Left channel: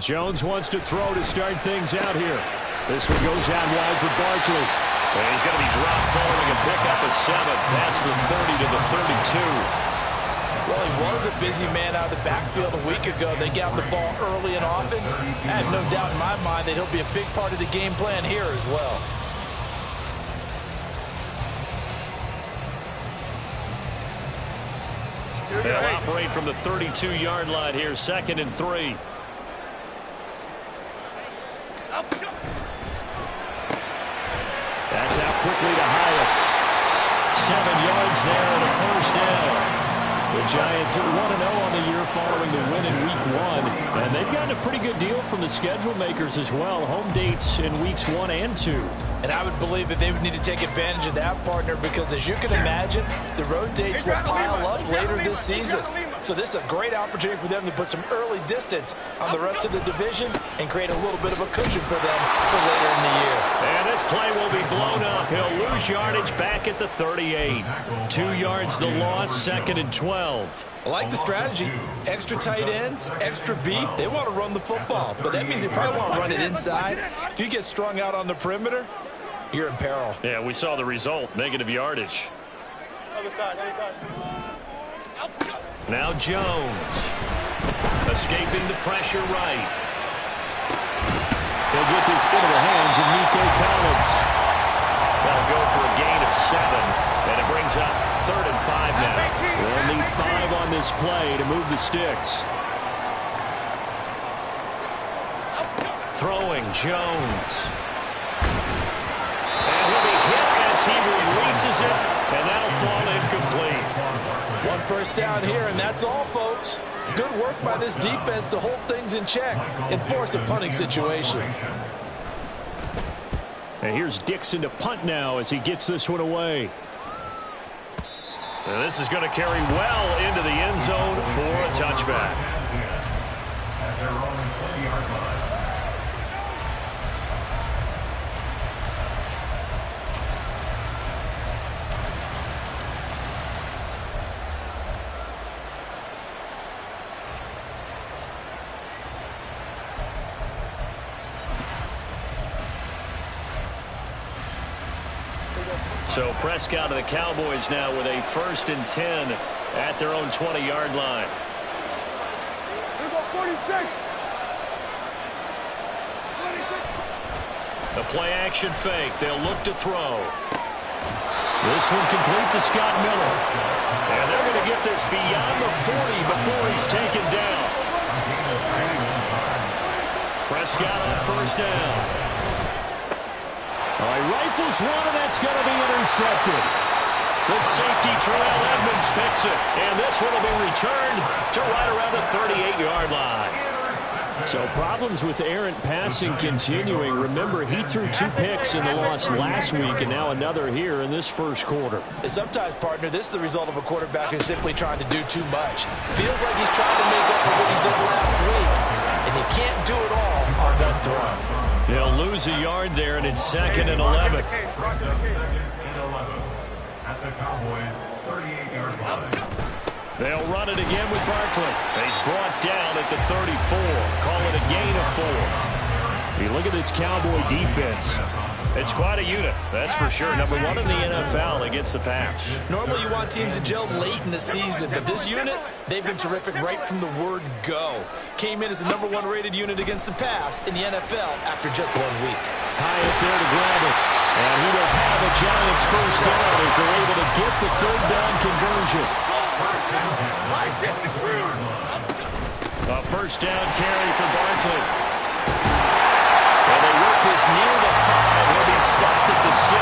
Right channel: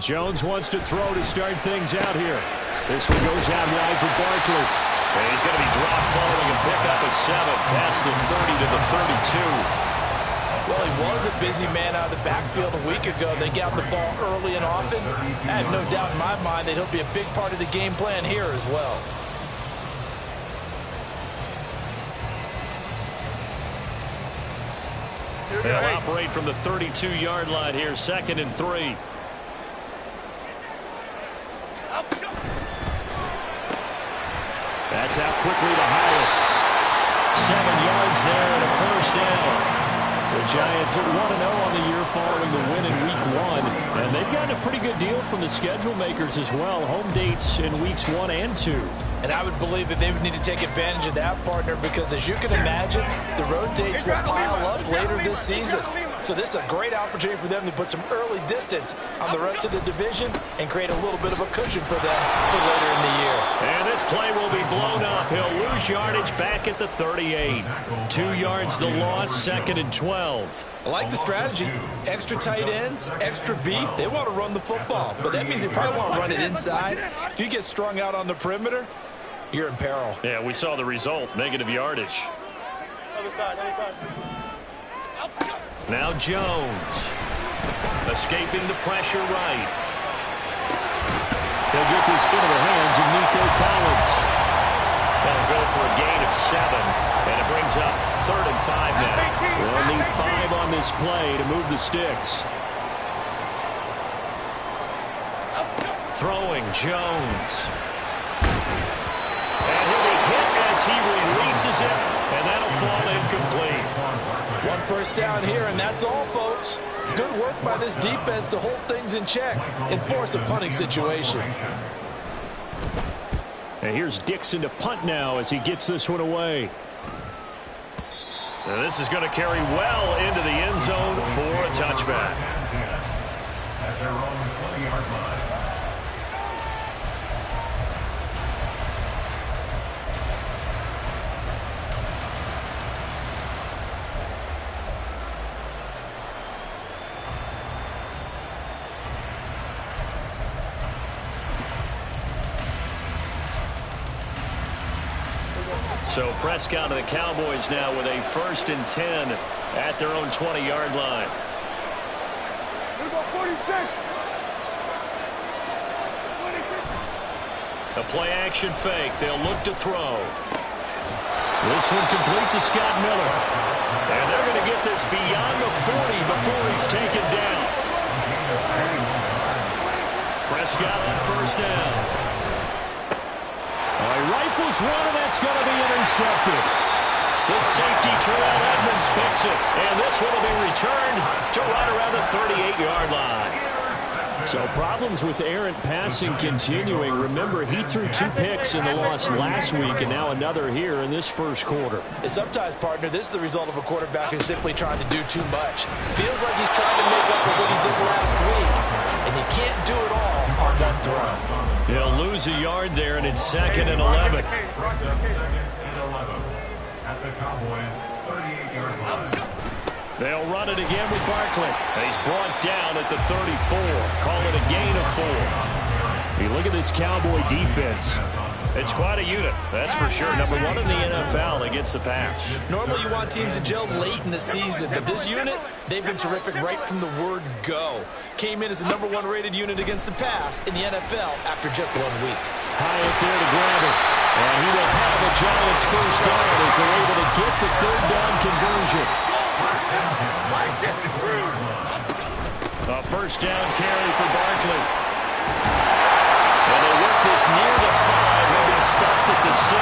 Jones wants to throw to start things out here. This one goes out wide for Barkley. And he's going to be dropped following a pickup of 7 past the 30 to the 32. Well, he was a busy man out of the backfield a week ago. They got the ball early and often. I have no doubt in my mind that he'll be a big part of the game plan here as well. They'll operate from the 32-yard line here, 2nd and 3. That's out quickly to Hyatt. 7 yards there and a first down. The Giants are 1-0 on the year following the win in Week 1. And they've gotten a pretty good deal from the schedule makers as well. Home dates in Weeks 1 and 2. And I would believe that they would need to take advantage of that, partner, because as you can imagine, the road dates will pile up later this season. So this is a great opportunity for them to put some early distance on the rest of the division and create a little bit of a cushion for them for later in the year. And this play will be blown up. He'll lose yardage back at the 38. 2 yards the loss, 2nd and 12. I like the strategy. Extra tight ends, extra beef. They want to run the football, but that means they probably want to run it inside. If you get strung out on the perimeter, you're in peril. Yeah, we saw the result, negative yardage. Other side, other side. Now Jones, escaping the pressure right. He'll get this into the hands of Nico Collins. They'll go for a gain of 7, and it brings up 3rd and 5 now. They'll need 5 on this play to move the sticks. Throwing Jones. And he'll be hit as he releases it, and that'll fall incomplete. 1 first down here, and that's all, folks. Good work by this defense to hold things in check and force a punting situation. And here's Dixon to punt now as he gets this one away. And this is going to carry well into the end zone for a touchback. At their own 20-yard line. So Prescott of the Cowboys now with a 1st and 10 at their own 20-yard line. Here go 46. A play-action fake. They'll look to throw. This one complete to Scott Miller. And they're going to get this beyond the 40 before he's taken down. Prescott on 1st down. He rifles one, and that's going to be intercepted. The safety, Terrell Edmonds, picks it. And this one will be returned to right around the 38-yard line. So problems with errant passing continuing. Remember, he threw 2 picks in the loss last week, and now another here in this first quarter. And sometimes, partner, this is the result of a quarterback who's simply trying to do too much. Feels like he's trying to make up for what he did last week, and he can't do it all on one throw. He'll lose a yard there, and it's 2nd and 11. At the Cowboys' 38-yard line. They'll run it again with Barkley. He's brought down at the 34. Call it a gain of 4. You look at this Cowboy defense. It's quite a unit, that's for sure. Number 1 in the NFL against the pass. Normally you want teams to gel late in the season, but this unit, they've been terrific right from the word go. Came in as the number 1 rated unit against the pass in the NFL after just 1 week. Hyatt there to grab it. And he will have a Giants first down as they're able to get the 3rd down conversion. A 1st down carry for Barkley. And they work this near the 5. He'll be stopped at the 6.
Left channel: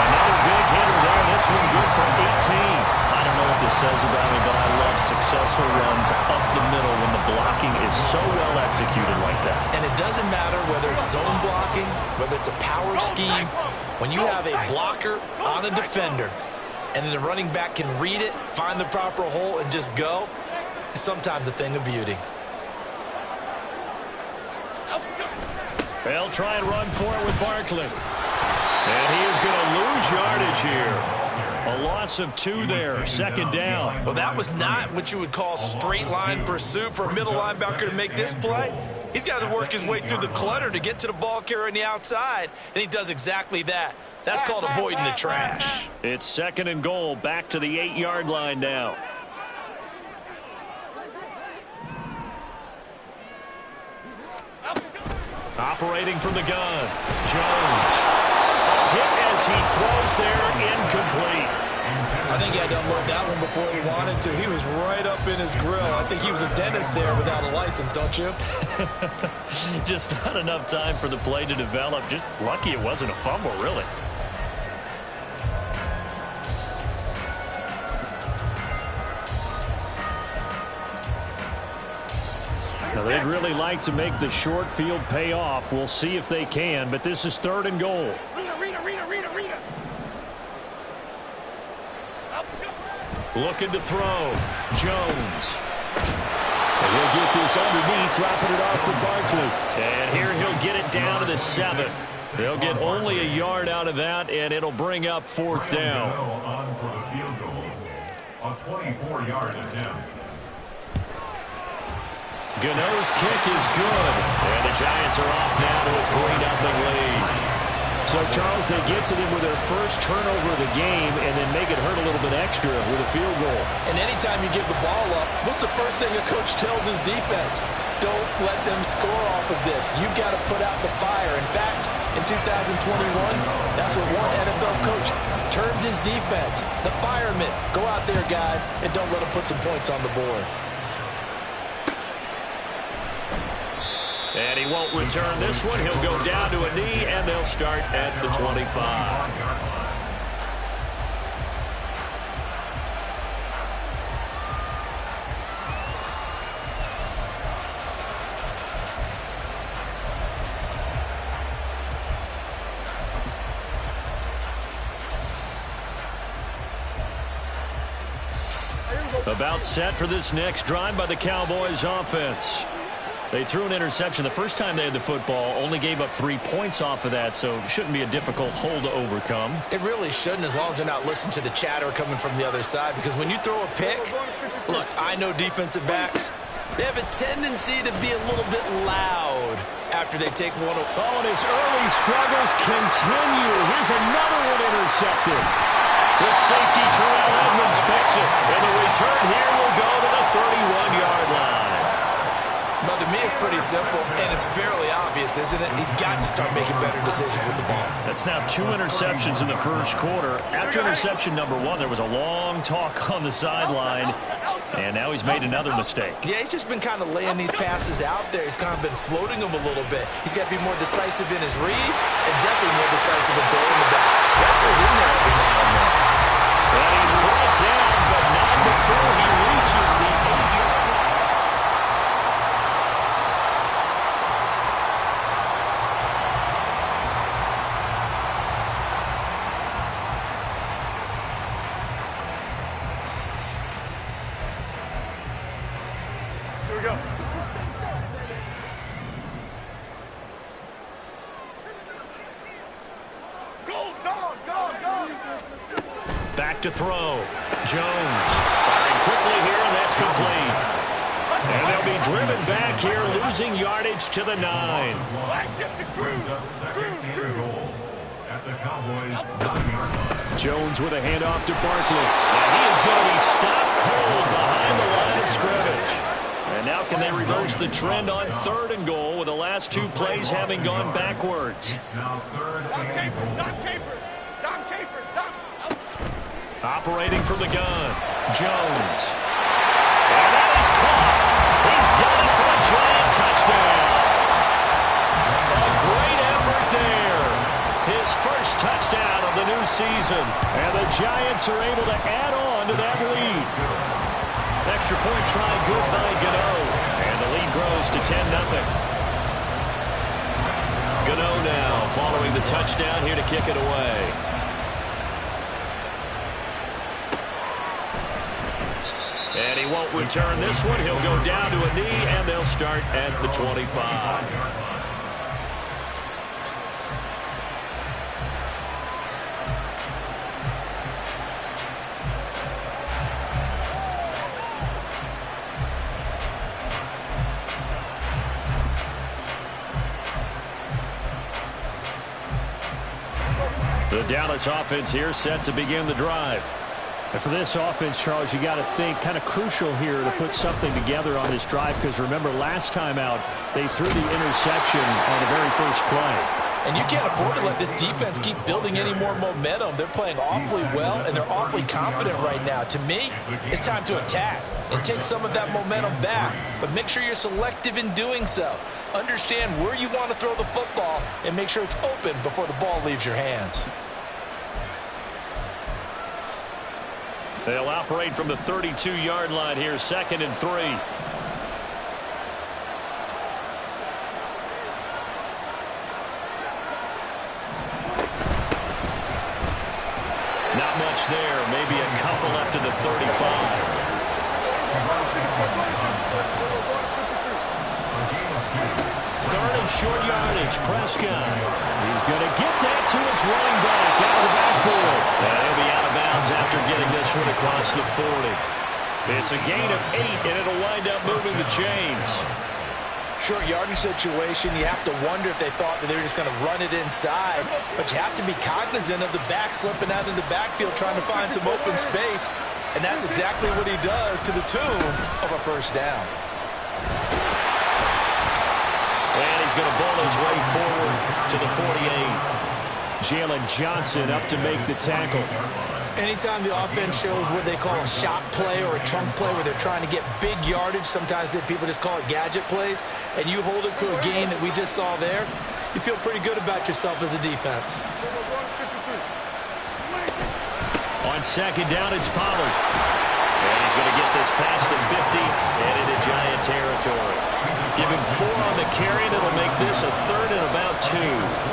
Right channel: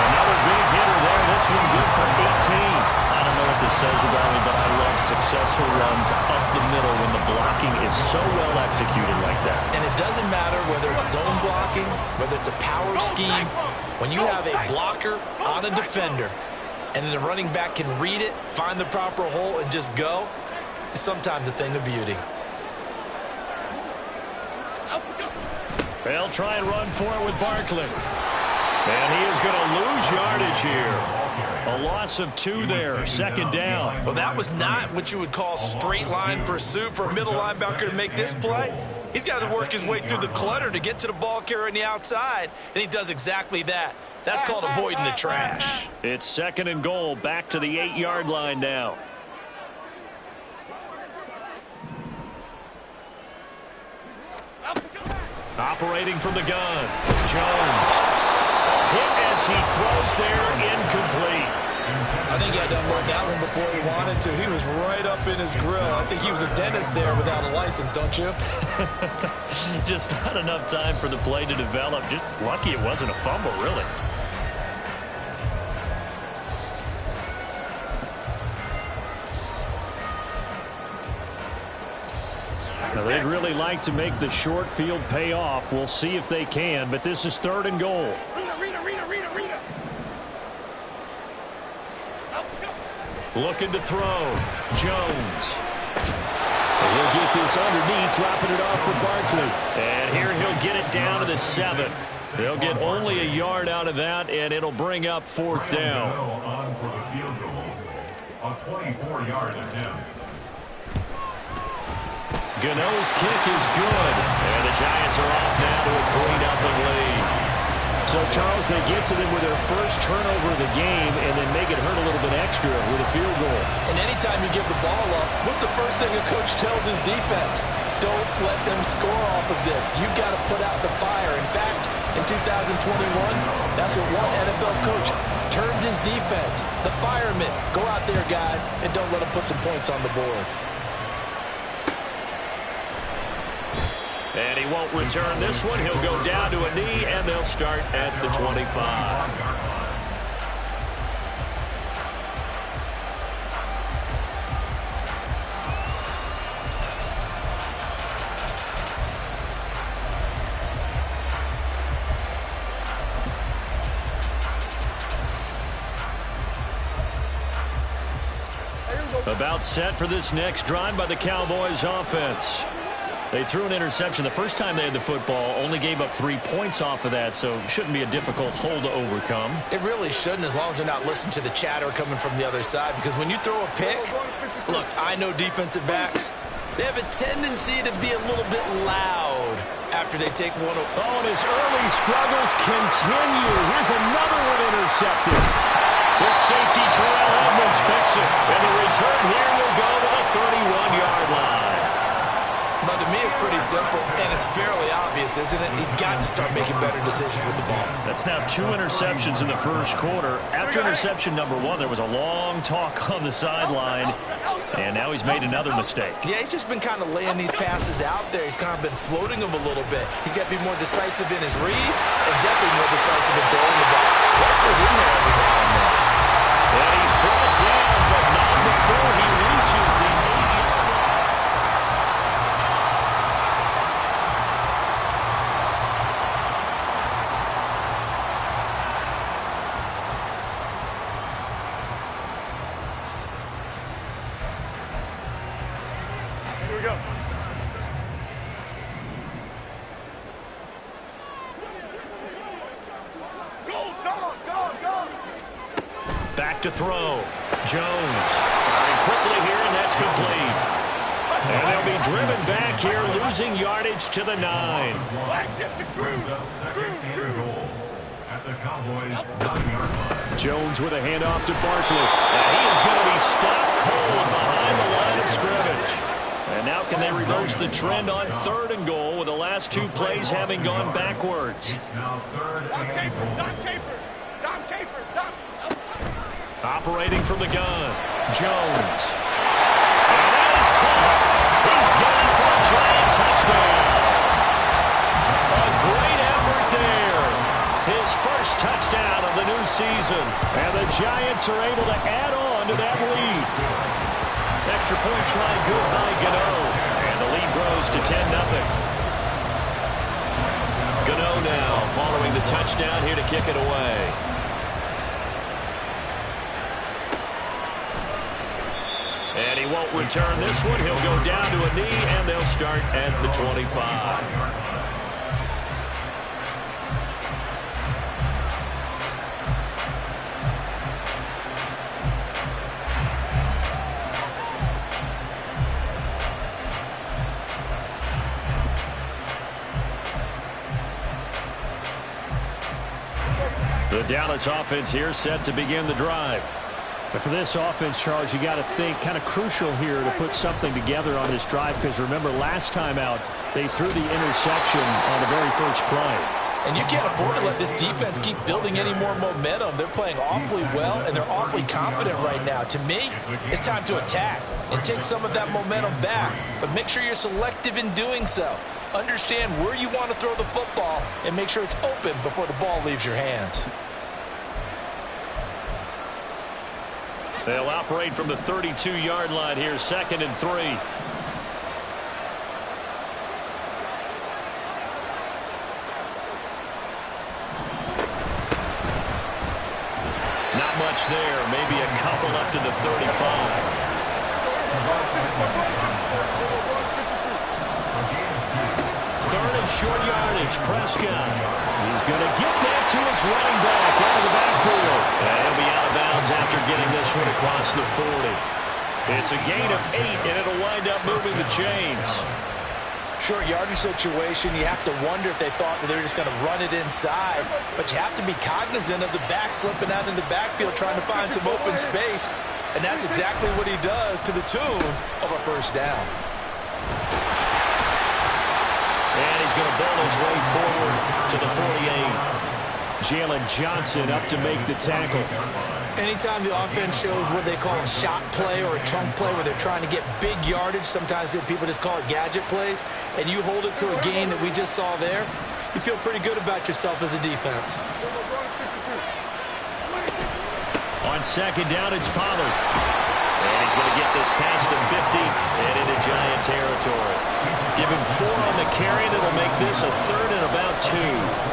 Another big hitter there. This one good for 18. I don't know what this says about me, but I love successful runs up the middle when the blocking is so well executed like that. And it doesn't matter whether it's zone blocking, whether it's a power scheme. When you have a blocker on a defender, and then the running back can read it, find the proper hole, and just go, it's sometimes a thing of beauty. They'll try and run for it with Barkley. And he is going to lose yardage here. A loss of 2 there, second down. Well, that was not what you would call straight line pursuit for a middle linebacker to make this play. He's got to work his way through the clutter to get to the ball carrier on the outside, and he does exactly that. That's called avoiding the trash. It's second and goal, back to the 8-yard line now. Operating from the gun, Jones. A hit as he throws there, incomplete. I think he had to unload that one before he wanted to. He was right up in his grill. I think he was a dentist there without a license, don't you? Just not enough time for the play to develop. Just lucky it wasn't a fumble, really. Now, they'd really like to make the short field pay off. We'll see if they can, but this is third and goal. Rita. Looking to throw. Jones. And he'll get this underneath, dropping it off for Barkley. And here he'll get it down to the 7. They'll get only a yard out of that, and it'll bring up fourth down. On for the field goal. A 24-yard attempt. Gano's kick is good. And the Giants are off now to a 3-0 lead. So, Charles, they get to them with their first turnover of the game and then make it hurt a little bit extra with a field goal. And anytime you give the ball up, what's the first thing a coach tells his defense? Don't let them score off of this. You've got to put out the fire. In fact, in 2021, that's what one NFL coach termed his defense. The firemen. Go out there, guys, and don't let them put some points on the board. And he won't return this one. He'll go down to a knee, and they'll start at the 25. About set for this next drive by the Cowboys offense. They threw an interception the first time they had the football, only gave up 3 points off of that, so shouldn't be a difficult hole to overcome. It really shouldn't, as long as they're not listening to the chatter coming from the other side, because when you throw a pick, look, I know defensive backs, they have a tendency to be a little bit loud after they take one. Oh, and his early struggles continue. Here's another one intercepted. The safety, Terrell Edmonds, picks it, and the return here will go to the 31-yard line. But to me, it's pretty simple, and it's fairly obvious, isn't it? He's got to start making better decisions with the ball. That's now 2 interceptions in the first quarter. After interception number 1, there was a long talk on the sideline, and now he's made another mistake. Yeah, he's just been kind of laying these passes out there. He's kind of been floating them a little bit. He's got to be more decisive in his reads and definitely more decisive in throwing the ball. Record in there every now and then. And he's brought down, but not before he reaches the 8-yard line. Here we go. Go. Back to throw. Jones firing quickly here, and that's complete. And they'll be driven back here, losing yardage to the 9. Brings up second and goal at the Cowboys 9-yard line. Jones with a handoff to Barkley. And he is going to be stopped cold behind the line of scrimmage. And now can they reverse the trend on 3rd and goal with the last 2 plays having gone backwards? It's now 3rd and goal. Dom Capers. Operating from the gun, Jones. And that is caught. He's got it for a giant touchdown. A great effort there. His first touchdown of the new season. And the Giants are able to add on to that lead. Extra point try good by Gano. And the lead grows to 10-0. Gano now following the touchdown here to kick it away. And he won't return this one. He'll go down to a knee, and they'll start at the 25. The Dallas offense here set to begin the drive. And for this offense, Charles, you got to think kind of crucial here to put something together on this drive, because remember last time out they threw the interception on the very first play. And you can't afford to let this defense keep building any more momentum. They're playing awfully well, and they're awfully confident right now. To me, it's time to attack and take some of that momentum back. But make sure you're selective in doing so. Understand where you want to throw the football and make sure it's open before the ball leaves your hands. They'll operate from the 32-yard line here, 2nd and 3. Not much there. Maybe a couple up to the 35. Third and short yardage. Prescott. He's going to get that to his running back out of the backfield. And he'll be out of bounds after getting this one across the 40. It's a gain of 8, and it'll wind up moving the chains. Short yardage situation, you have to wonder if they thought that they were just going to run it inside. But you have to be cognizant of the back slipping out of the backfield trying to find some open space. And that's exactly what he does, to the tune of a first down. And he's going to bull his way forward to the 48. Jalen Johnson up to make the tackle. Anytime the offense shows what they call a shot play or a chunk play where they're trying to get big yardage, sometimes people just call it gadget plays, and you hold it to a gain that we just saw there, you feel pretty good about yourself as a defense. On 2nd down, it's Pollard. And he's going to get this past the 50 and into Giant territory. Give him 4 on the carry, and it'll make this a 3rd and about 2.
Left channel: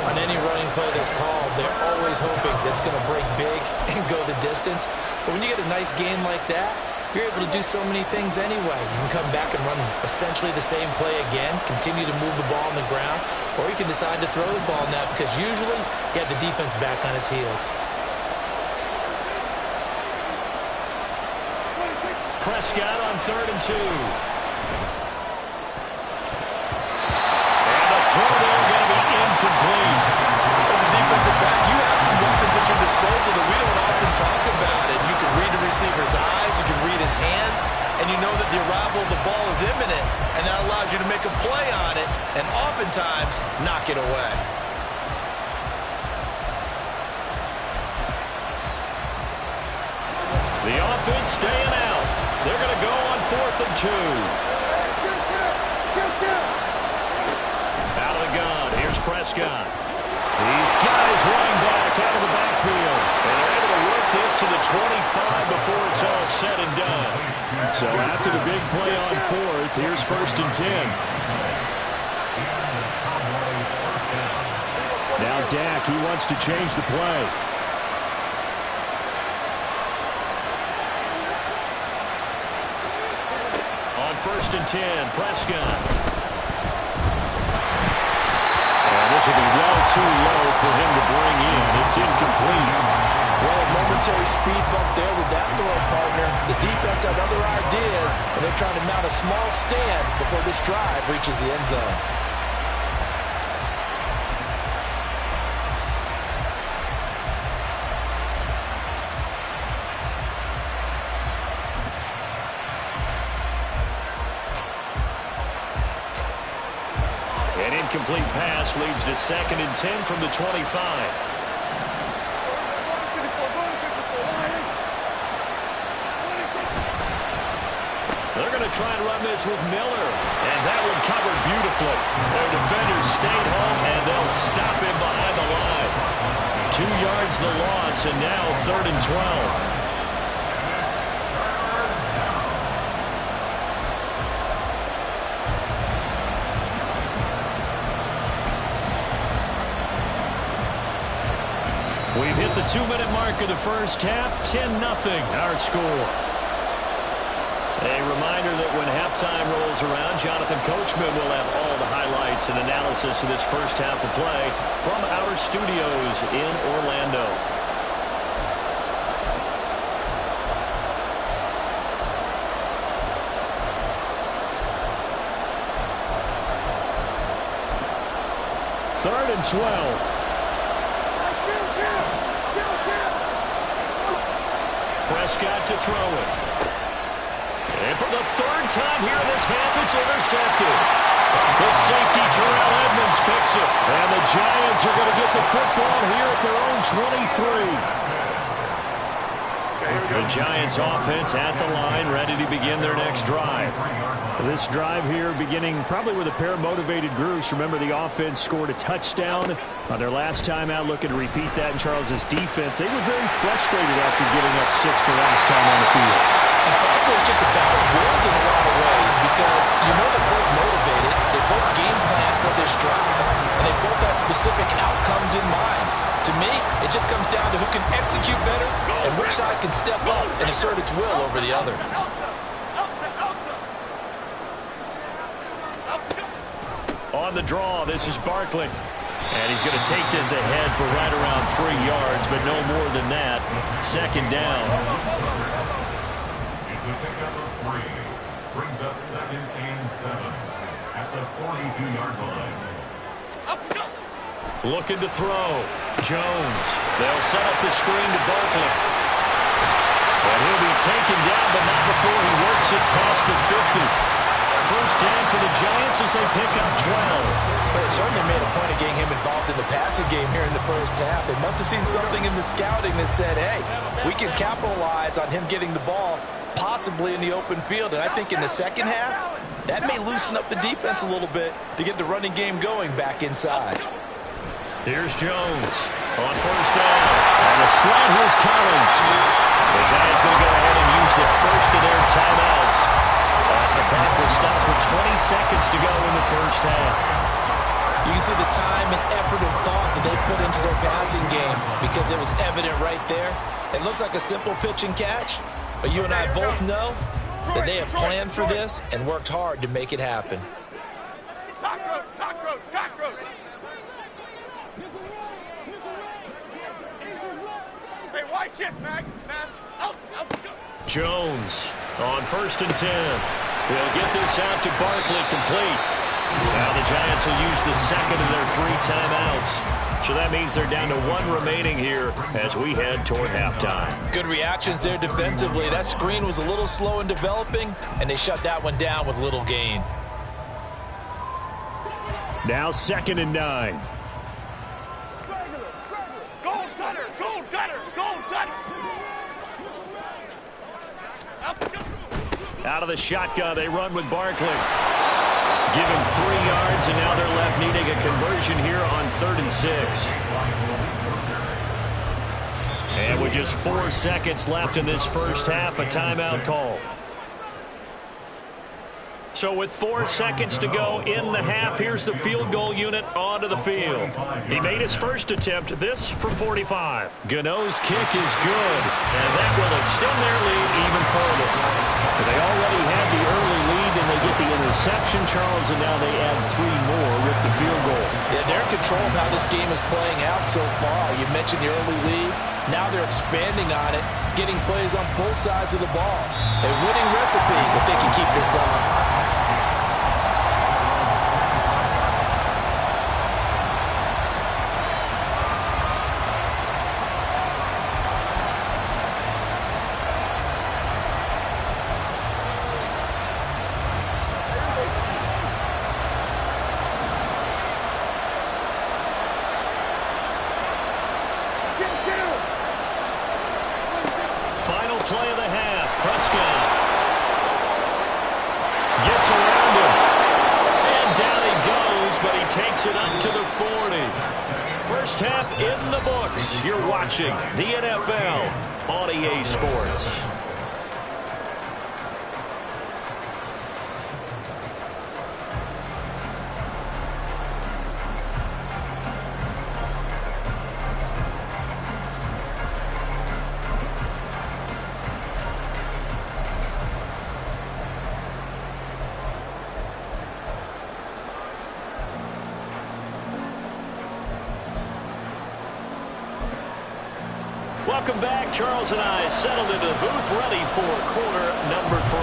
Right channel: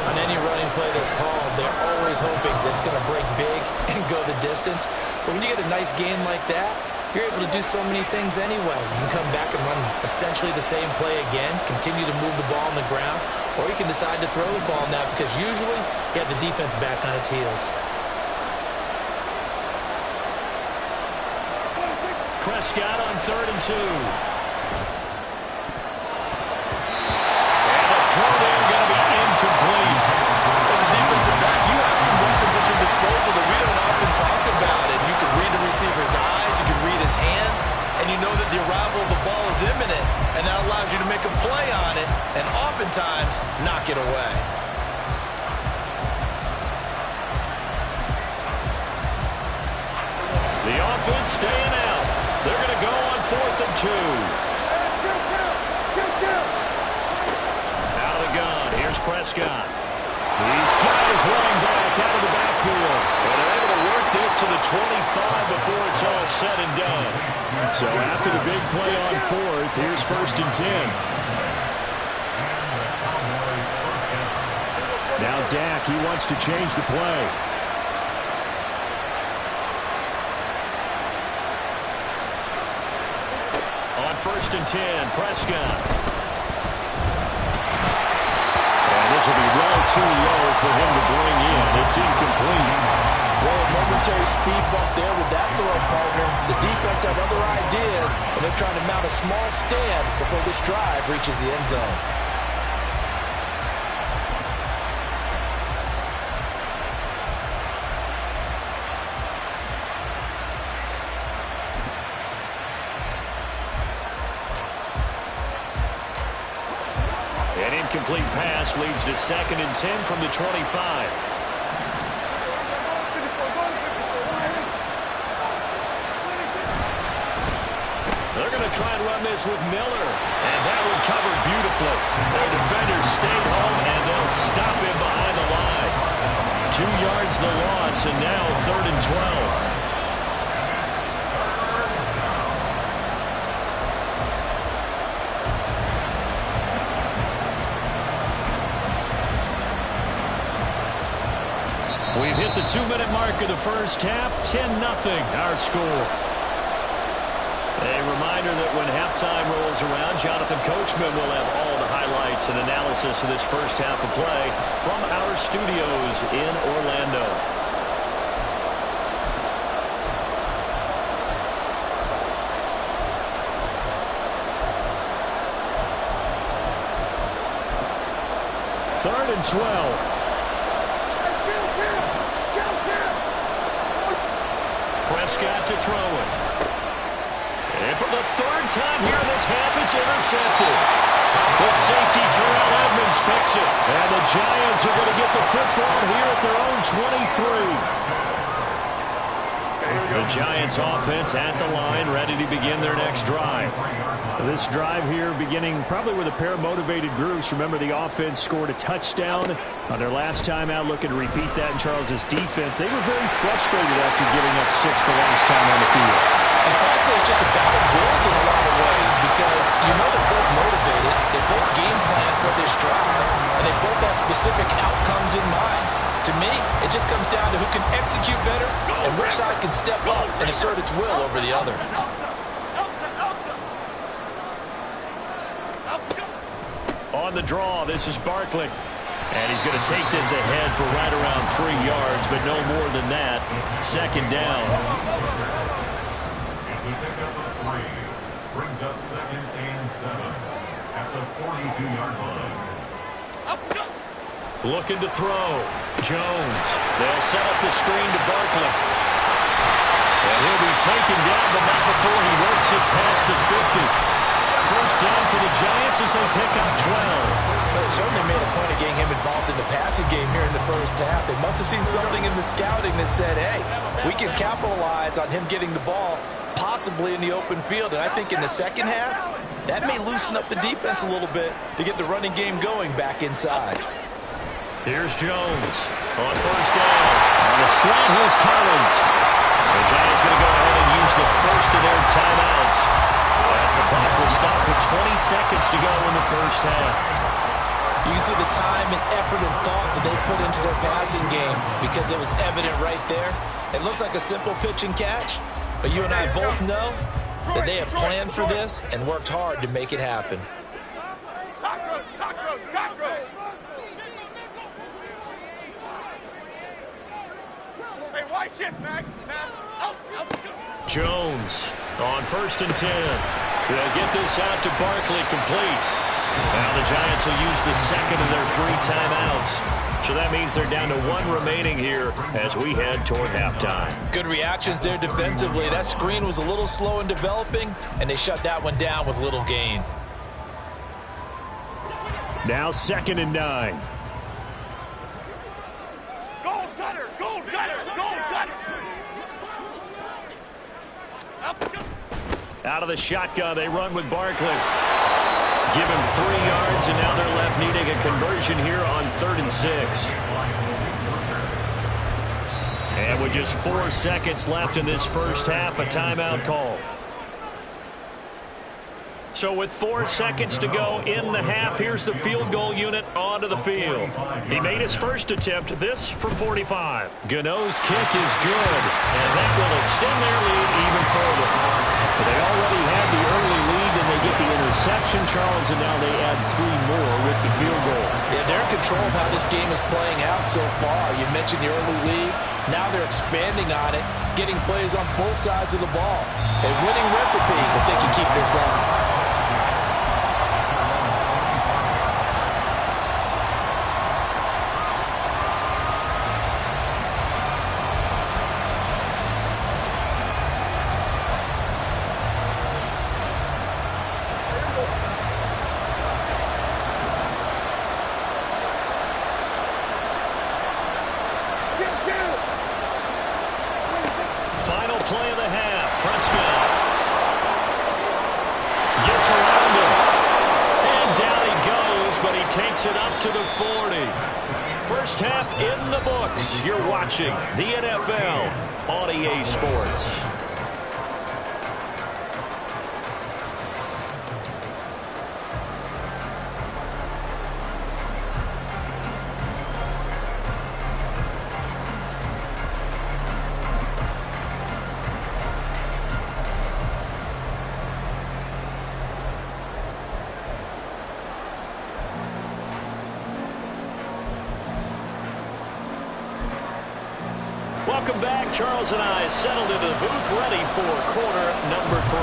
On any running play that's called, they're always hoping that it's going to break big and go the distance. But when you get a nice gain like that, you're able to do so many things anyway. You can come back and run essentially the same play again, continue to move the ball on the ground, or you can decide to throw the ball now because usually you have the defense back on its heels. Prescott on 3rd and 2. And the throw there going to be incomplete. As a defensive back, you have some weapons at your disposal that we don't often talk about. And you can read the receiver's eyes, you can read his hands, and you know that the arrival of the ball is imminent. And that allows you to make a play on it and oftentimes knock it away. The offense staying out. They're going to go on 4th and 2. Out of the gun. Here's Prescott. He's got his running back out of the backfield. And they're able to work this to the 25 before it's all said and done. So after the big play on 4th, here's 1st and 10. Now Dak, he wants to change the play. On 1st and 10, Prescott. And this will be well too low for him to bring in. It's incomplete. Well, a momentary speed bump there with that throw, partner. The defense had other ideas, and they're trying to mount a small stand before this drive reaches the end zone. An incomplete pass leads to 2nd and 10 from the 25. They're going to try and run this with Miller. And that one covered beautifully. Their defenders stayed home, and they'll stop him behind the line. 2 yards the loss, and now 3rd and 12. We've hit the 2-minute mark of the first half. 10-0 our score. A reminder that when halftime rolls around, Jonathan Coachman will have all the highlights and analysis of this first half of play from our studios in Orlando. Third and 12. Prescott to throw it. And for the third time here in this half, it's intercepted. The safety, Terrell Edmonds, picks it. And the Giants are going to get the football here at their own 23. The Giants offense at the line, ready to begin their next drive. This drive here beginning probably with a pair of motivated groups. Remember, the offense scored a touchdown on their last time out, looking to repeat that in Charles' defense. They were very frustrated after giving up 6 the last time on the field. And frankly, it's just a battle of wills in a lot of ways because you know they're both motivated, they both game plan for this drive, and they both have specific outcomes in mind. To me, it just comes down to who can execute better and which side can step up and assert its will over the other. On the draw, this is Barkley. And he's going to take this ahead for right around 3 yards, but no more than that. Second down. It's a pickup of 3. Brings up 2nd and 7 at the 42-yard line. Looking to throw. Jones. They'll set up the screen to Barkley. And he'll be taken down, but not before he works it past the 50. First down for the Giants as they pick up 12. They certainly made a point of getting him involved in the passing game here in the first half. They must have seen something in the scouting that said, hey, we can capitalize on him getting the ball possibly in the open field. And I think in the second half, that may loosen up the defense a little bit to get the running game going back inside. Here's Jones on first down. On the slant, here's Collins. The Giants going to go ahead and use the first of their timeouts as the clock will stop with 20 seconds to go in the first half. You can see the time and effort and thought that they put into their passing game because it was evident right there. It looks like a simple pitch and catch, but you and I both know that they have planned for this and worked hard to make it happen. Cockroach, cockroach, cockroach. Hey, why shift, Mac? Out, go. Jones on 1st and 10. They'll get this out to Barkley, complete. Now the Giants will use the second of their 3 timeouts. So that means they're down to 1 remaining here as we head toward halftime. Good reactions there defensively. That screen was a little slow in developing, and they shut that one down with little gain. Now 2nd and 9. Gold gutter, gold gutter, gold gutter. Out of the shotgun, they run with Barkley. Give him 3 yards, and now they're left needing a conversion here on 3rd and 6. And with just 4 seconds left in this first half, a timeout call. So with 4 seconds to go in the half, here's the field goal unit onto the field. He made his first attempt, this from 45. Gano's kick is good, and that will extend their lead even further. But they already had the early lead, and they get the interception, Charles, and now they add 3 more with the field goal. Yeah, they're in control of how this game is playing out so far. You mentioned the early lead. Now they're expanding on it, getting plays on both sides of the ball. A winning recipe if they can keep this up. Final play of the half. Prescott gets around him. And down he goes, but he takes it up to the 40. First half in the books. You're watching the NFL on EA Sports. Welcome back. Charles and I settled into the booth, ready for quarter number 3.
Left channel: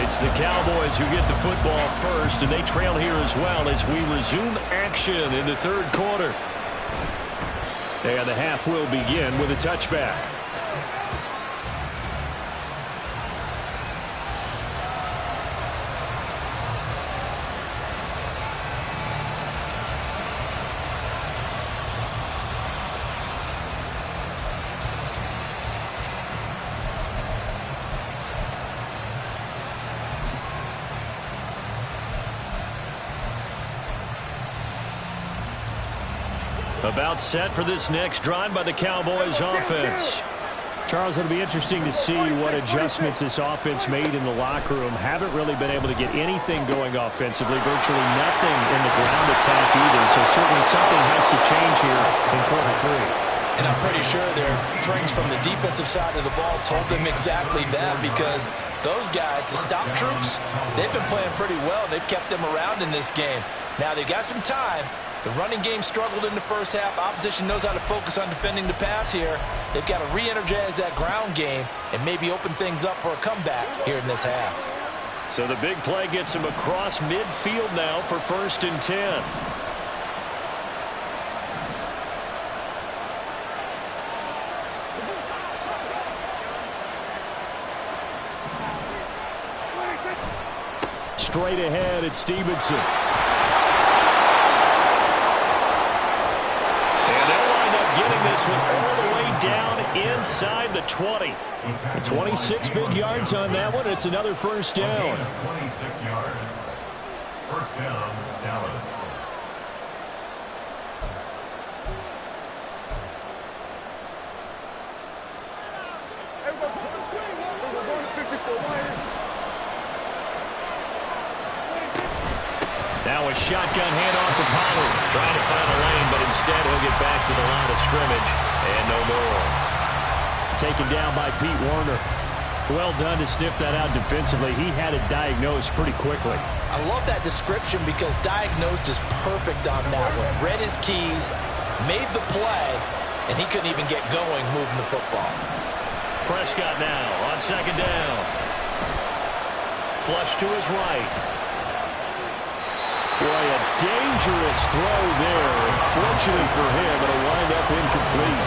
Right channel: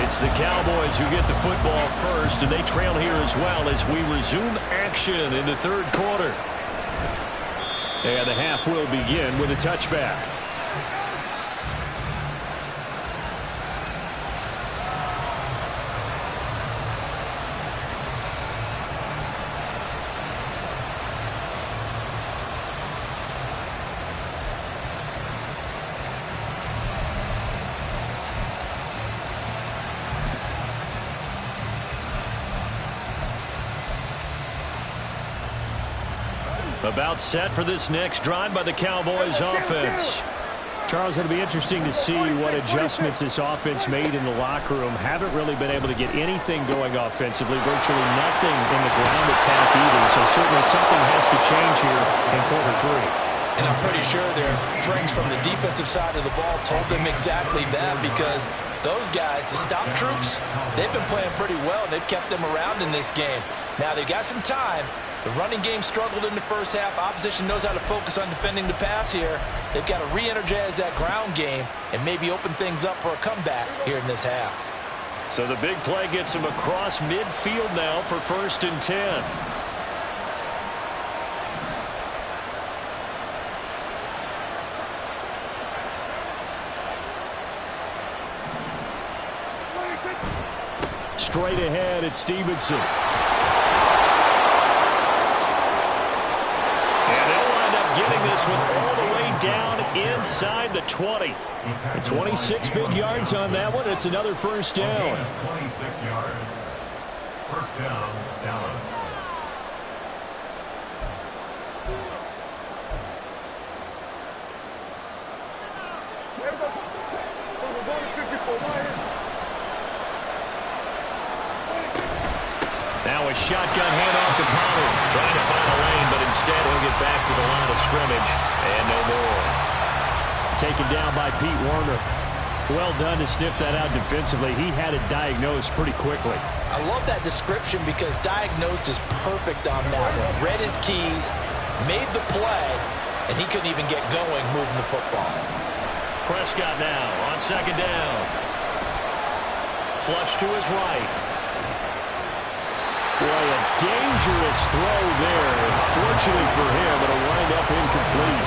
It's the Cowboys who get the football first, and they trail here as well as we resume action in the third quarter. And the half will begin with a touchback. About set for this next drive by the Cowboys offense. Charles, it'll be interesting to see what adjustments this offense made in the locker room. Haven't really been able to get anything going offensively, virtually nothing in the ground attack either. So certainly something has to change here in quarter three. And I'm pretty sure their friends from the defensive side of the ball told them exactly that, because those guys, the stop troops, they've been playing pretty well. They've kept them around in this game. Now they've got some time. The running game struggled in the first half. Opposition knows how to focus on defending the pass here. They've got to re-energize that ground game and maybe open things up for a comeback here in this half. So the big play gets him across midfield now for 1st and 10. Straight ahead, it's Stevenson. And they'll wind up getting this one all the way down inside the 20. 26 big yards on that one. It's another first down. 26 yards. First down, Dallas. We're going to 54. Now a shotgun handoff to Pollard. Trying to find a lane, but instead he'll get back to the line of scrimmage. And no more. Taken down by Pete Werner. Well done to sniff that out defensively. He had it diagnosed pretty quickly. I love that description because diagnosed is perfect on that one. Read his keys, made the play, and he couldn't even get going moving the football. Prescott now on 2nd down. Flush to his right. Boy, a dangerous throw there. Fortunate for him, it'll wind up incomplete.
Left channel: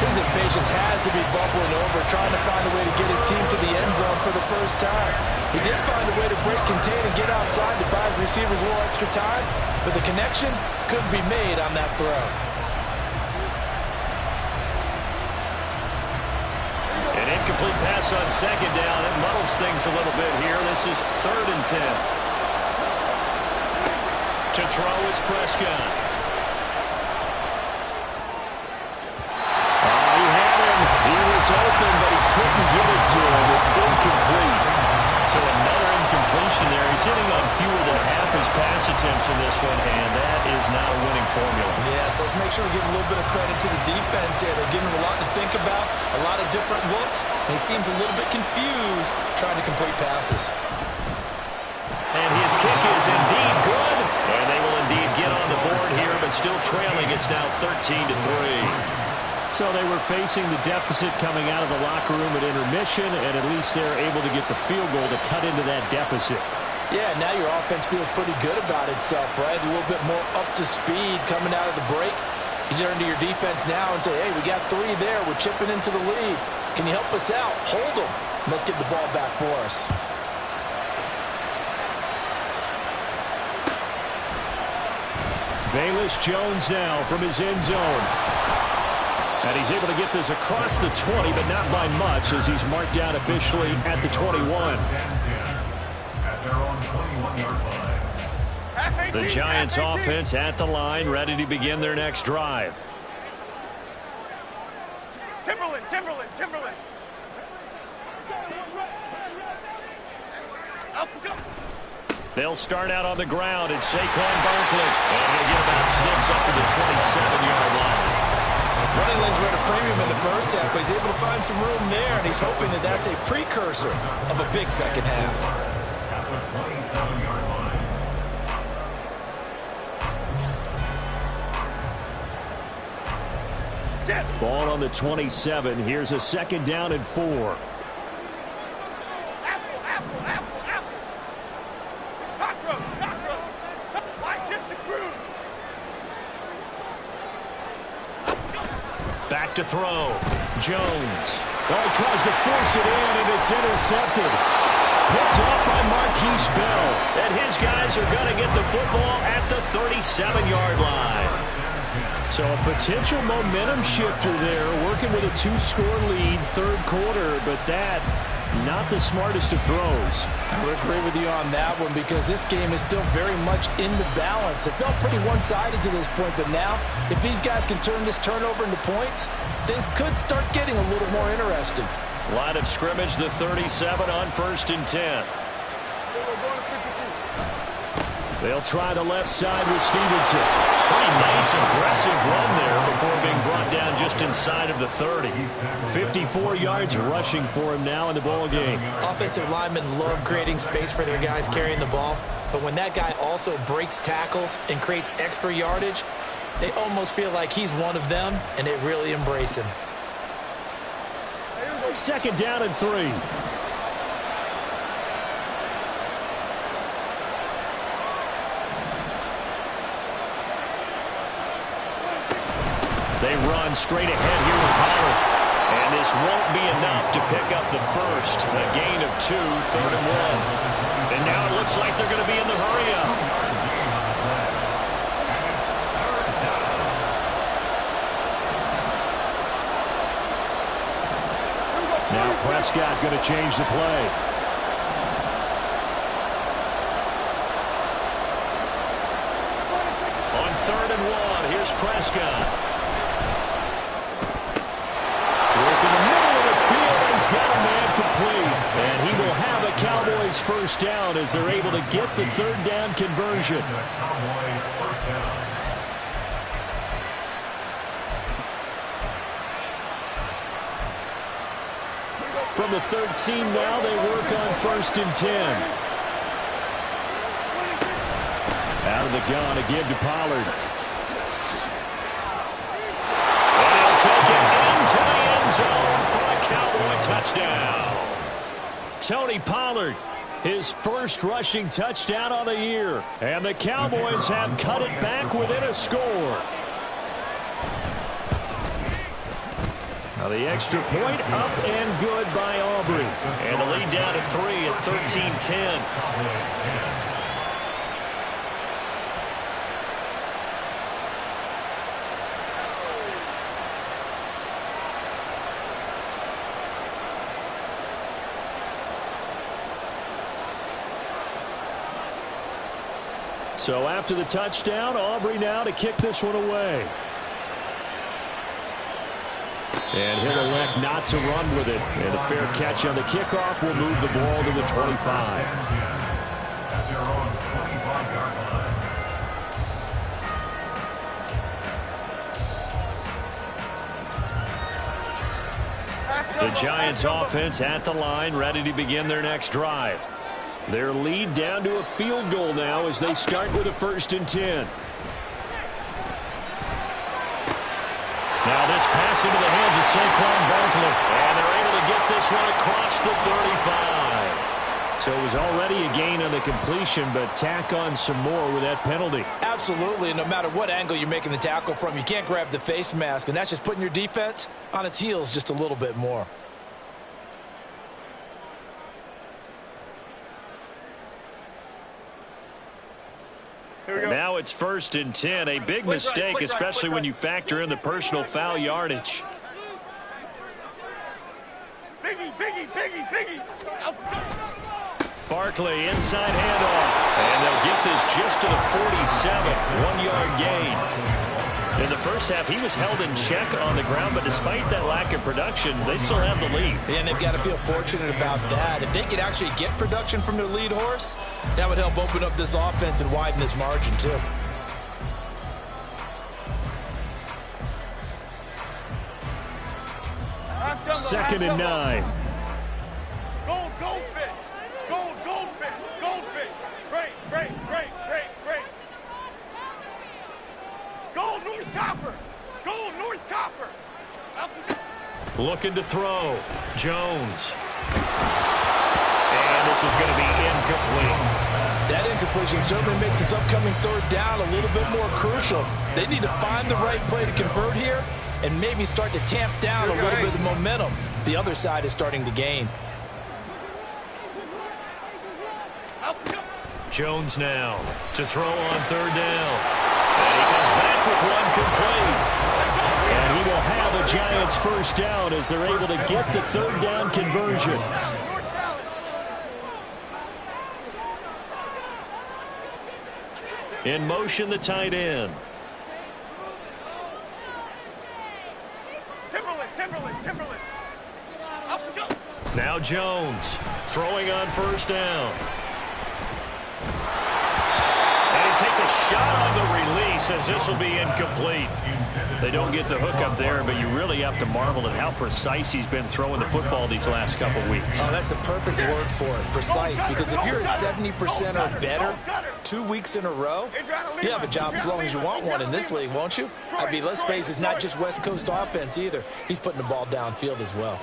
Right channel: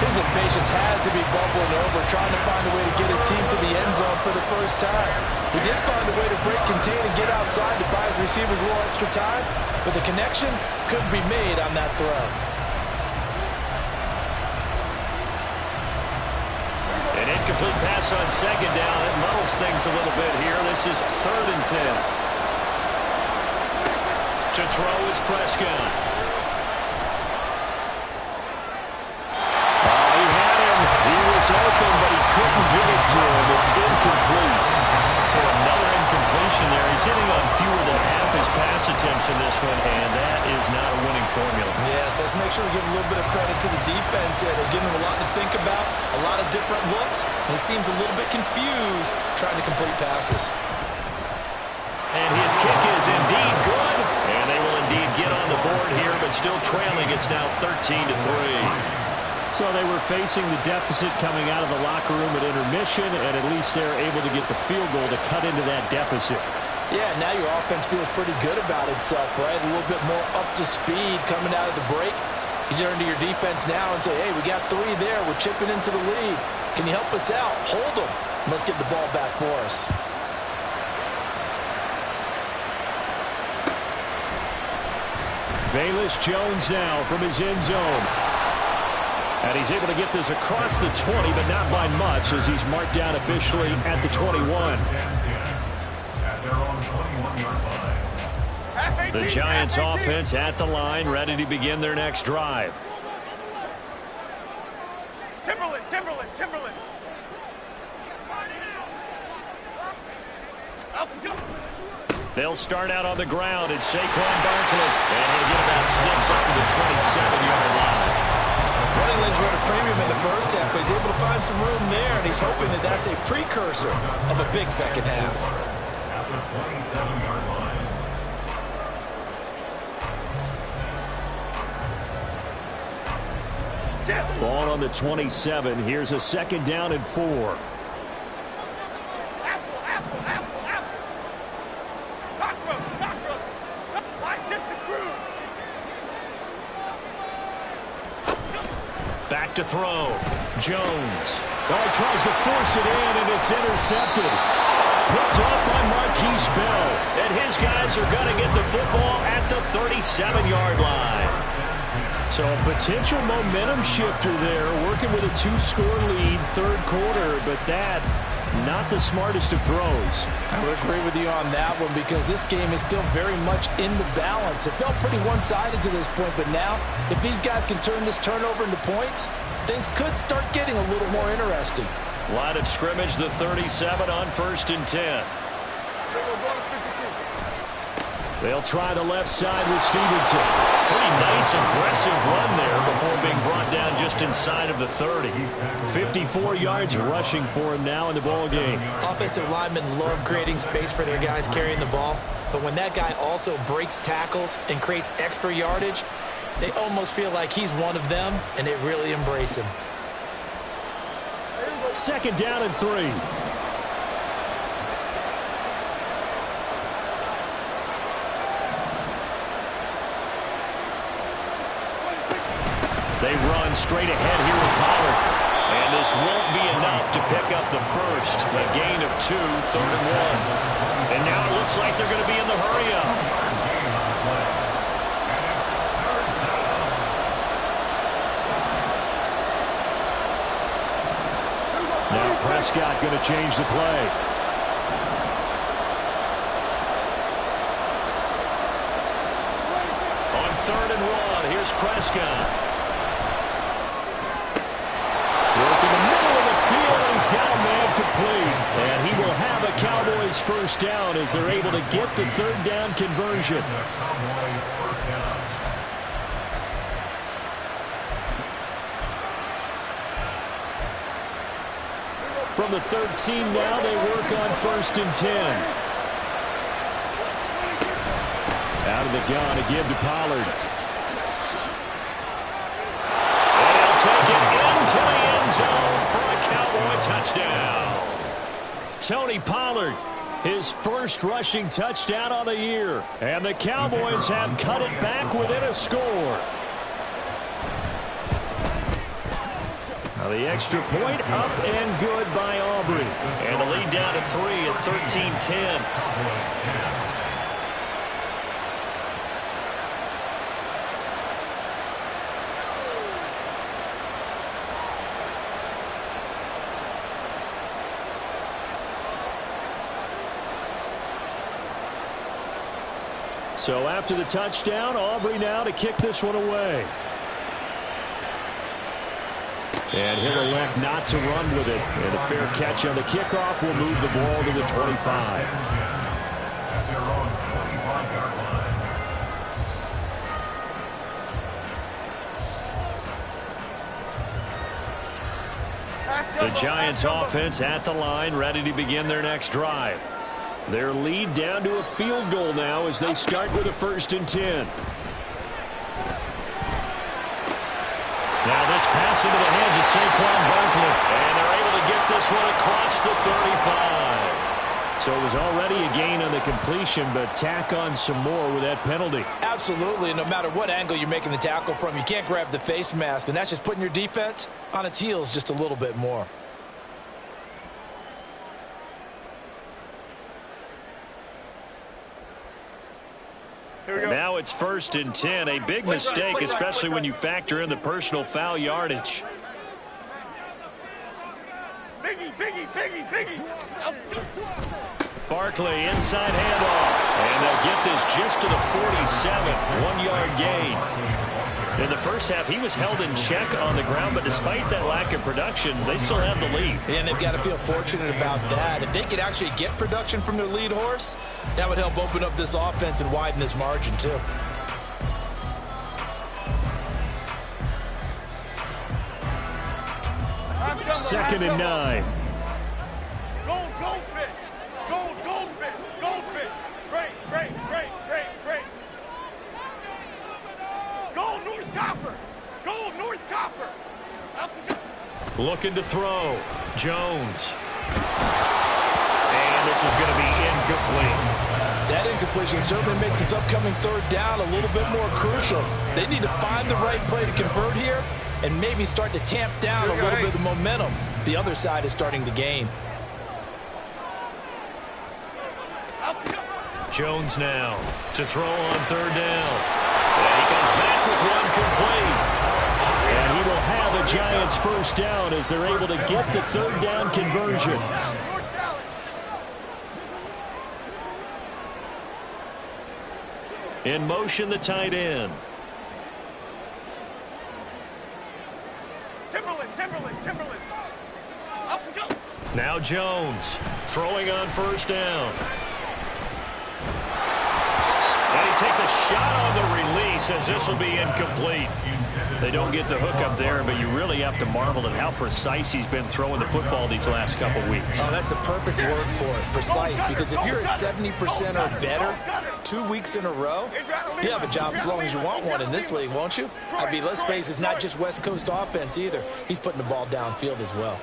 His impatience has to be bubbling over, trying to find a way to get his team to the end zone for the first time. He did find a way to break, contain, and get outside to buy his receivers a little extra time, but the connection couldn't be made on that throw. An incomplete pass on 2nd down. It muddles things a little bit here. This is 3rd and 10. To throw is Prescott. He had him. He was open, but he couldn't get it to him. It's incomplete. So another incompletion there. He's hitting on fewer than half his pass attempts in this one, and that is not a winning formula. Yes, let's make sure we give a little bit of credit to the defense here. They're giving him a lot to think about, a lot of different looks, and he seems a little bit confused trying to complete passes. And his kick is indeed good. And they will indeed get on the board here, but still trailing. It's now 13-3. So they were facing the deficit coming out of the locker room at intermission, and at least they're able to get the field goal to cut into that deficit. Yeah, now your offense feels pretty good about itself, right? A little bit more up to speed coming out of the break. You turn to your defense now and say, hey, we got 3 there. We're chipping into the lead. Can you help us out? Hold them. Let's get the ball back for us. Velus Jones now from his end zone. And he's able to get this across the 20, but not by much, as he's marked down officially at the 21. At their own 21-yard line. The Giants offense at the line, ready to begin their next drive. Timberland. They'll start out on the ground. It's Saquon Barkley. And he'll get about 6 up to the 27-yard line. Running lanes were at a premium in the first half, but he's able to find some room there, and he's hoping that that's a precursor of a big second half. At the 27-yard line. Ball on the 27. Here's a 2nd down and 4. Back to throw. Jones. Oh, he tries to force it in, and it's intercepted. Picked up by Marquise Bell. And his guys are going to get the football at the 37-yard line. So a potential momentum shifter there, working with a 2-score lead, third quarter, but that, not the smartest of throws. I would agree with you on that one because this game is still very much in the balance. It felt pretty one-sided to this point, but now if these guys can turn this turnover into points, things could start getting a little more interesting. Line of scrimmage, the 37 on 1st and 10. They'll try the left side with Stevenson. Pretty nice, aggressive run there before being brought down just inside of the 30. 54 yards rushing for him now in the ball game. Offensive linemen love creating space for their guys carrying the ball, but when that guy also breaks tackles and creates extra yardage, they almost feel like he's one of them, and they really embrace him. 2nd down and 3. They run straight ahead here with Pollard. And this won't be enough to pick up the first. A gain of 2, 3rd and 1. And now it looks like they're going to be in the hurry-up. Now Prescott going to change the play. On 3rd and 1, here's Prescott. Working the middle of the field, and he's got a man complete. And he will have a Cowboys first down as they're able to get the 3rd down conversion. From the 13 now, they work on 1st and 10. Out of the gun to give to Pollard. And he'll take it into the end zone for a Cowboy touchdown. Tony Pollard, his first rushing touchdown on the year. And the Cowboys have cut it back within a score. Now the extra point up and good by Aubrey. And the lead down to 3 at 13-10. So after the touchdown, Aubrey now to kick this one away. And he'll elect not to run with it. And a fair catch on the kickoff will move the ball to the 25. At their own 25-yard line. The Giants offense at the line, ready to begin their next drive. Their lead down to a field goal now as they start with a 1st and 10. Now this pass into the hands of Saquon Barkley. And they're able to get this one across the 35. So it was already a gain on the completion, but tack on some more with that penalty. Absolutely. No matter what angle you're making the tackle from, you can't grab the face mask, and that's just putting your defense on its heels just a little bit more. Now it's 1st and 10. A big mistake, especially when you factor in the personal foul yardage. Biggie. Barkley inside handoff. And they'll get this just to the 47. 1-yard gain. In the first half, he was held in check on the ground, but despite that lack of production, they still have the lead. And they've got to feel fortunate about that. If they could actually get production from their lead horse, that would help open up this offense and widen this margin, too. Second and 9. Goldfish. Great. Gold North Copper. Looking to throw. Jones. And this is going to be incomplete. That incompletion certainly makes this upcoming 3rd down a little bit more crucial. They need to find the right play to convert here, and maybe start to tamp down a little bit of the momentum the other side is starting to gain. Jones now to throw on third down. And he comes back with one complete. And he will have a Giants first down as they're able to get the third down conversion. In motion, the tight end. Timberland. Up and go. Now Jones throwing on first down. And he takes a shot on the release as this will be incomplete. They don't get the hook up there, but you really have to marvel at how precise he's been throwing the football these last couple weeks. Oh, that's the perfect word for it, precise, because if you're at 70% or better 2 weeks in a row, you have a job as long as you want one in this league, won't you? I mean, let's face it, it's not just West Coast offense either. He's putting the ball downfield as well.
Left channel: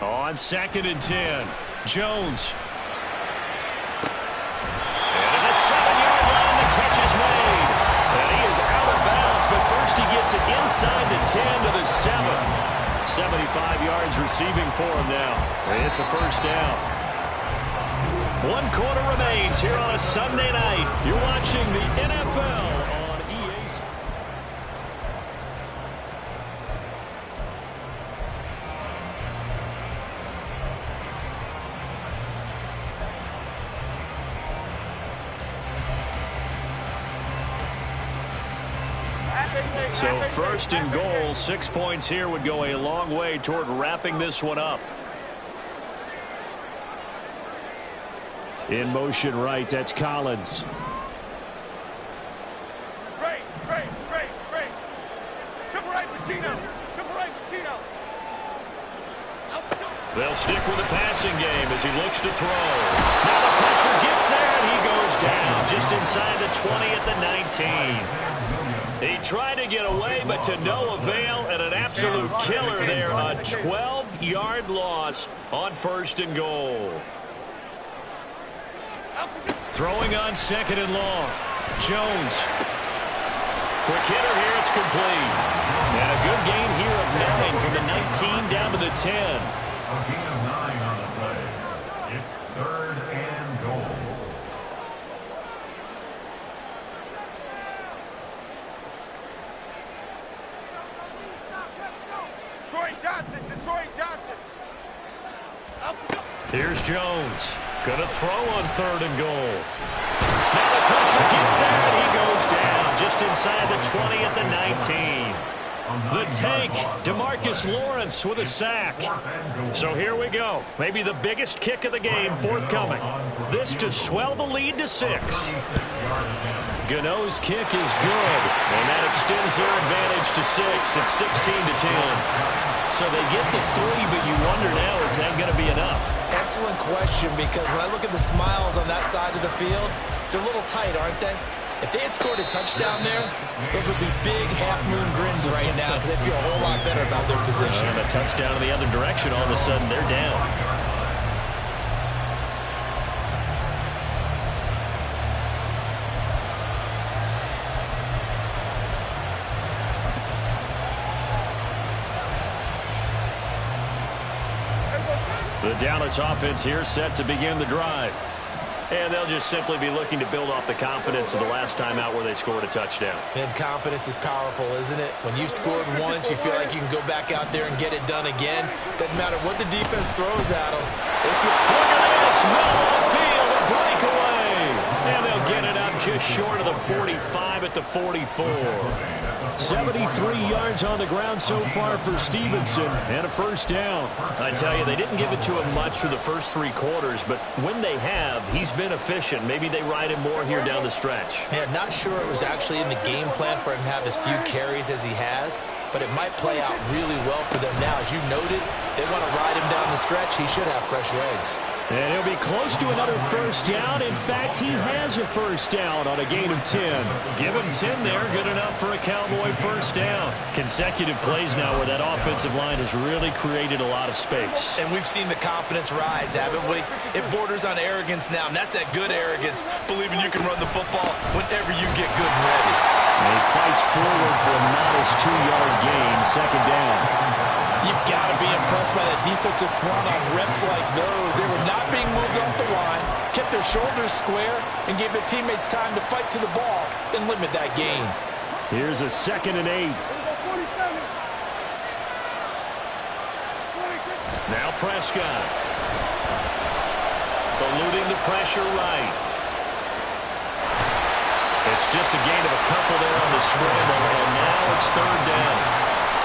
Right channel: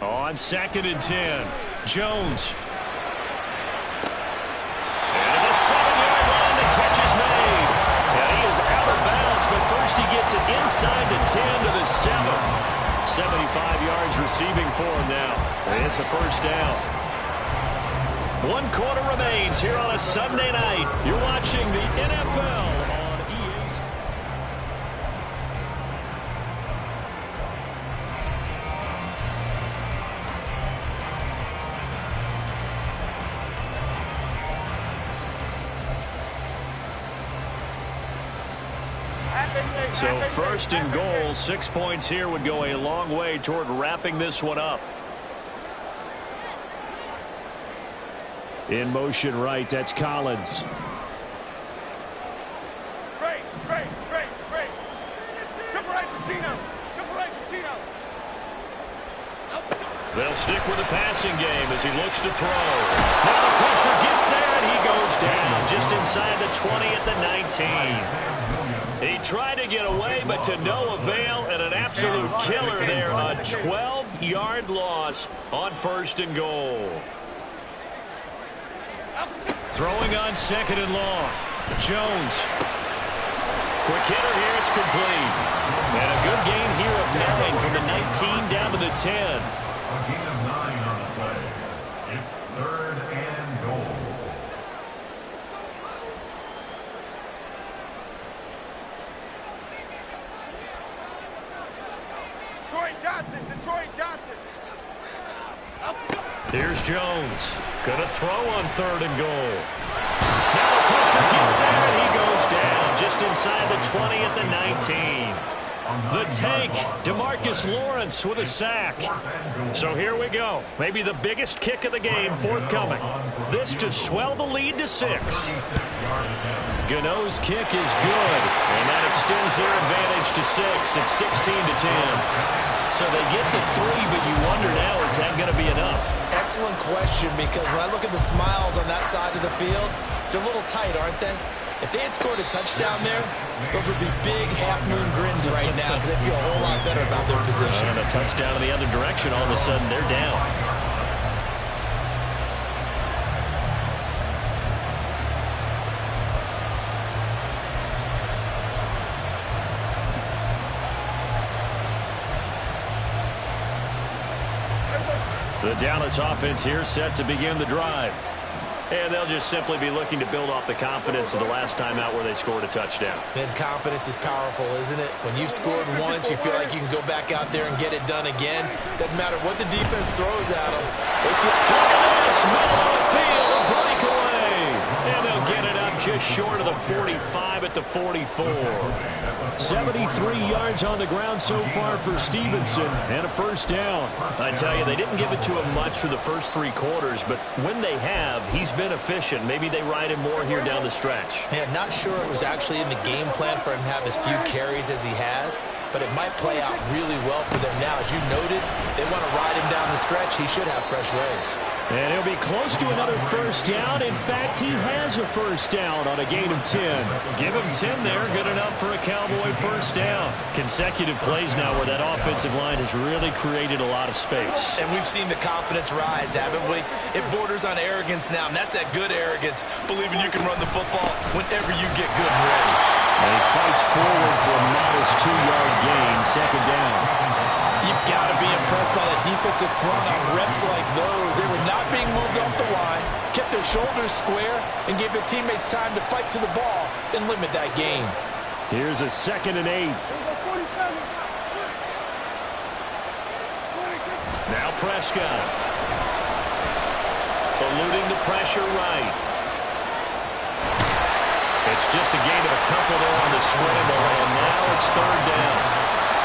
On 2nd and 10, Jones. And at the 7-yard line, the catch is made. And he is out of bounds, but first he gets it inside the 10 to the 7. 75 yards receiving for him now. And it's a first down. 1 quarter remains here on a Sunday night. You're watching the NFL on EA Sports. So 1st and goal, 6 points here would go a long way toward wrapping this one up. In motion right, that's Collins. Great. Triple right, Pacino. They'll stick with the passing game as he looks to throw. Now the pressure gets there, and he goes down just inside the 20 at the 19. He tried to get away, but to no avail, and an absolute killer there. A 12-yard loss on 1st and goal. Throwing on 2nd and long. Jones. Quick hitter here, it's complete. And a good gain here of 9 from the 19 down to the 10. A gain of 9 on the play. It's 3rd and goal. Detroit Johnson. Here's Jones. Going to throw on 3rd and goal. Now the pressure gets there, and he goes down just inside the 20 at the 19. The tank, DeMarcus Lawrence with a sack. So here we go. Maybe the biggest kick of the game forthcoming. This to swell the lead to 6. Gano's kick is good, and that extends their advantage to 6. It's 16-10. So they get the 3, but you wonder now, is that going to be enough? Excellent question, because when I look at the smiles on that side of the field, they're a little tight, aren't they? If they had scored a touchdown there, those would be big half-moon grins right now because they feel a whole lot better about their position. And a touchdown in the other direction, all of a sudden they're down. The Dallas offense here set to begin the drive. And they'll just simply be looking to build off the confidence of the last time out where they scored a touchdown. And confidence is powerful, isn't it? When you've scored once, you feel like you can go back out there and get it done again. Doesn't matter what the defense throws at them. Look at this, middle of the field, a breakaway. And they'll get it up just short of the 45 at the 44. 73 yards on the ground so far for Stevenson, and a first down. I tell you, they didn't give it to him much through the first 3 quarters, but when they have, he's been efficient. Maybe they ride him more here down the stretch. Yeah, not sure it was actually in the game plan for him to have as few carries as he has, but it might play out really well for them now. As you noted, if they want to ride him down the stretch, he should have fresh legs. And he'll be close to another first down. In fact, he has a first down on a gain of 10. Give him 10 there, good enough for a Cowboy first down. Consecutive plays now where that offensive line has really created a lot of space. And we've seen the confidence rise, haven't we? It borders on arrogance now, and that's that good arrogance, believing you can run the football whenever you get good and ready. And he fights forward for a modest 2-yard gain, second down. You've got to be impressed by the defensive front on reps like those. They were not being moved off the line, kept their shoulders square, and gave their teammates time to fight to the ball and limit that gain. Here's a 2nd and 8. Now Prescott. Eluding the pressure right. It's just a gain of a couple there on the scramble, and now it's 3rd down.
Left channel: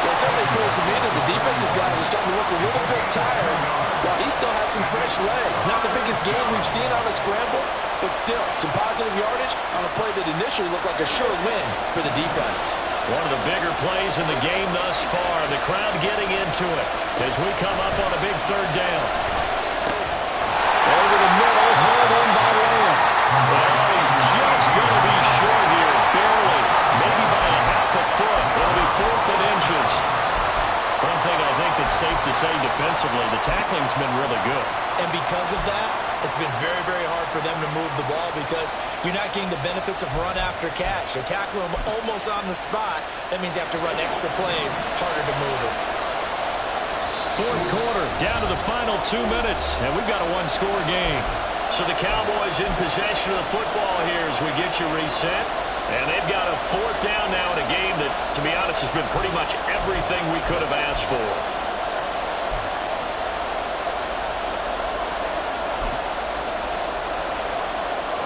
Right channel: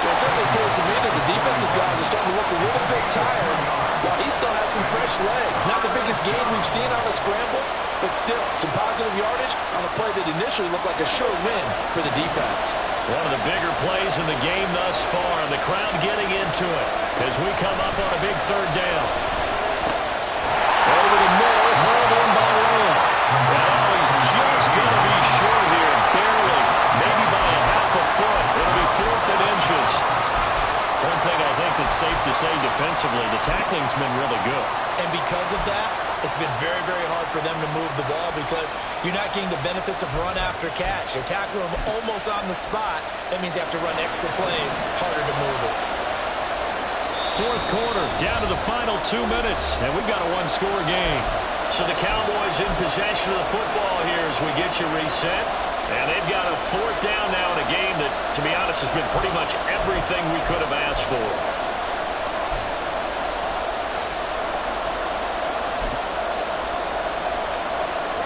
Well, it certainly appears to me that the defensive guys are starting to look a little bit tired while he still has some fresh legs. Not the biggest gain we've seen on a scramble, but still some positive yardage on a play that initially looked like a sure win for the defense. One of the bigger plays in the game thus far. The crowd getting into it as we come up on a big 3rd down. Over the middle, hauled in by Lamb. Well, he's just going to be short here, barely. Maybe by a half a foot. It'll be 4th and inches. One thing I think that's safe to say defensively, the tackling's been really good. And because of that, it's been very, very hard for them to move the ball because you're not getting the benefits of run after catch. They're tackling them almost on the spot. That means you have to run extra plays, harder to move it. 4th quarter, down to the final 2 minutes, and we've got a 1-score game. So the Cowboys in possession of the football here as we get you reset. And they've got a 4th down now in a game that, to be honest, has been pretty much everything we could have asked for.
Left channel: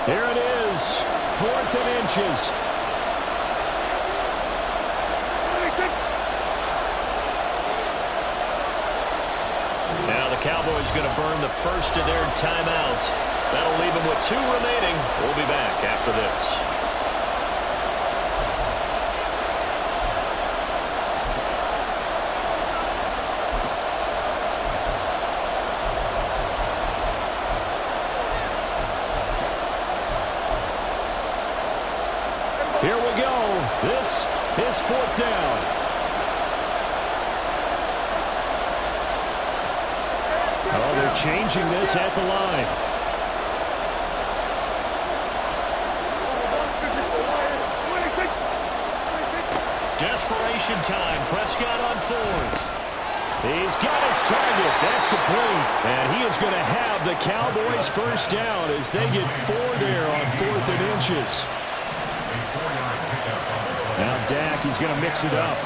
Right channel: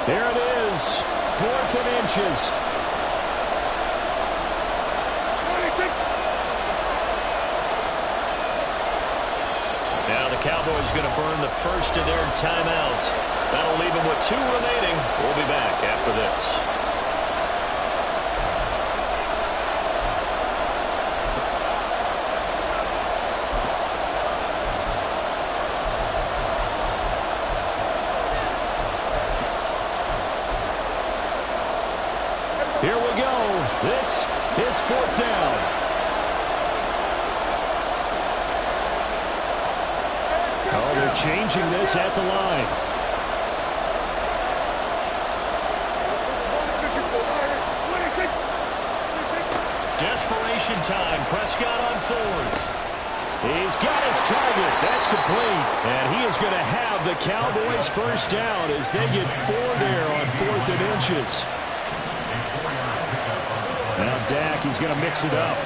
Here it is, 4th and inches. Now the Cowboys going to burn the first of their timeouts. That'll leave them with 2 remaining. We'll be back after this. Here we go. This is 4th down. Oh, they're changing this at the line. Desperation time. Prescott on 4th. He's got his target. That's complete. And he is going to have the Cowboys' first down as they get 4 there on 4th and inches. Now Dak, he's going to mix it up.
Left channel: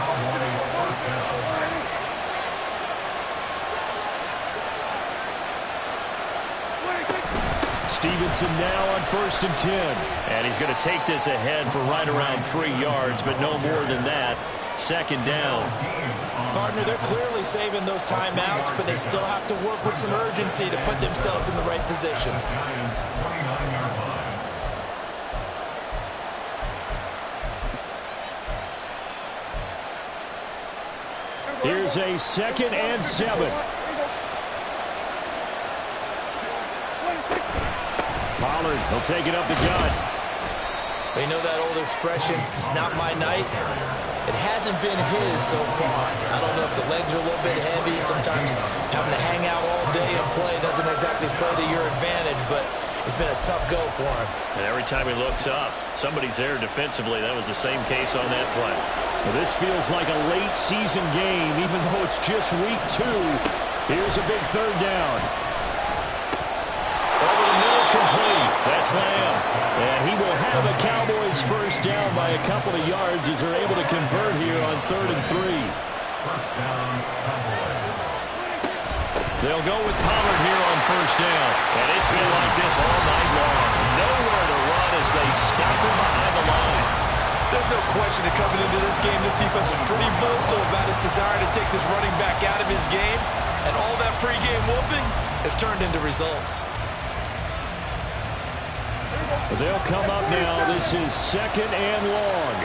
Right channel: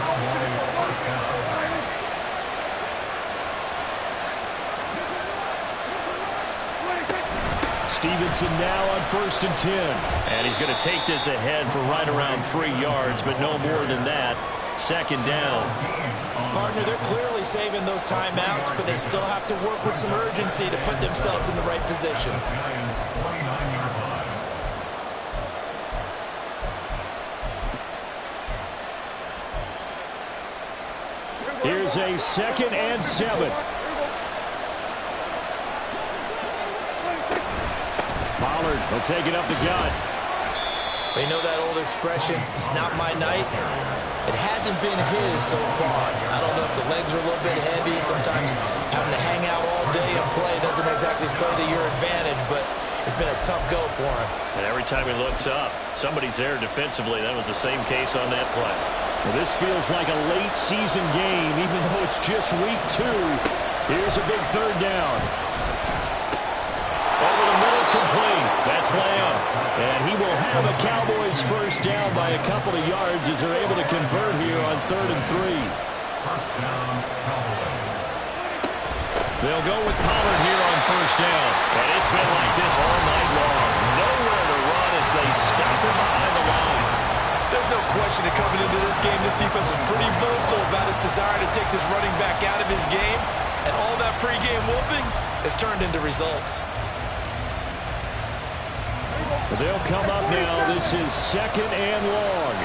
Stevenson now on 1st and 10. And he's going to take this ahead for right around 3 yards, but no more than that. 2nd down. Partner, they're clearly saving those timeouts, but they still have to work with some urgency to put themselves in the right position. Here's a 2nd and 7. Pollard, he'll take it up the gut. You know that old expression, it's not my night. It hasn't been his so far. I don't know if the legs are a little bit heavy. Sometimes having to hang out all day and play doesn't exactly play to your advantage, but it's been a tough go for him. And every time he looks up, somebody's there defensively. That was the same case on that play. Well, this feels like a late season game, even though it's just week 2. Here's a big 3rd down. Over the middle, complete. That's Lamb. And he will have a Cowboys first down by a couple of yards as they're able to convert here on 3rd and 3. First down, Cowboys. They'll go with Pollard here on 1st down. And it's been like this all night long. Nowhere to run as they stop him behind the line. There's no question that coming into this game, this defense is pretty vocal about its desire to take this running back out of his game. And all that pregame whooping has turned into results. They'll come up now. This is 2nd and long.